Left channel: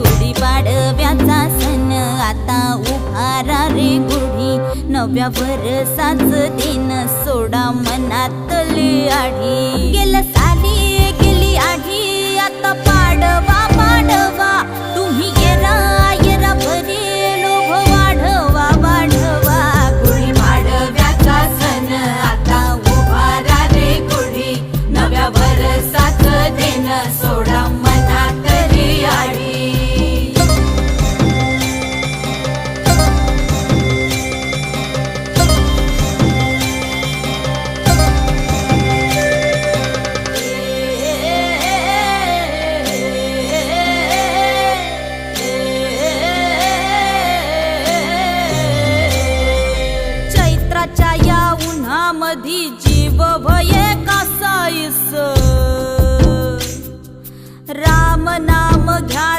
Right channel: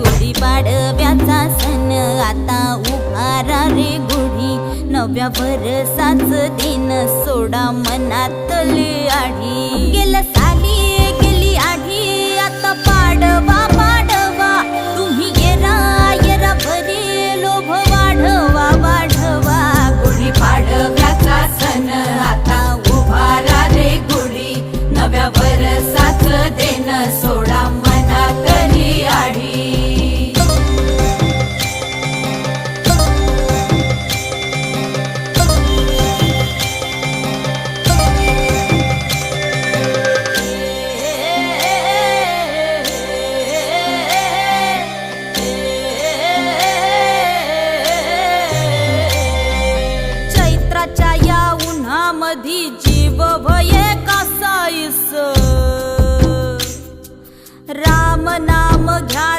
गुढीपाडव्याचा सण आता उभारा रे गुढी, नव्या वर्षाच दिन सोडा मनातली आढी। गेलं साली गेली आढी, आता पाडवा पाडवा, तुम्ही येरा येरा बरे लोभ वाढवा वाढवा। गुढीपाडव्याचा सण आता उभारा रे गुढी, नव्या वर्षाच दिन सोडा मनातली आढी। चैत्राच्या या उन्हामधी जीव भये कासाईस, राम नाम घ्या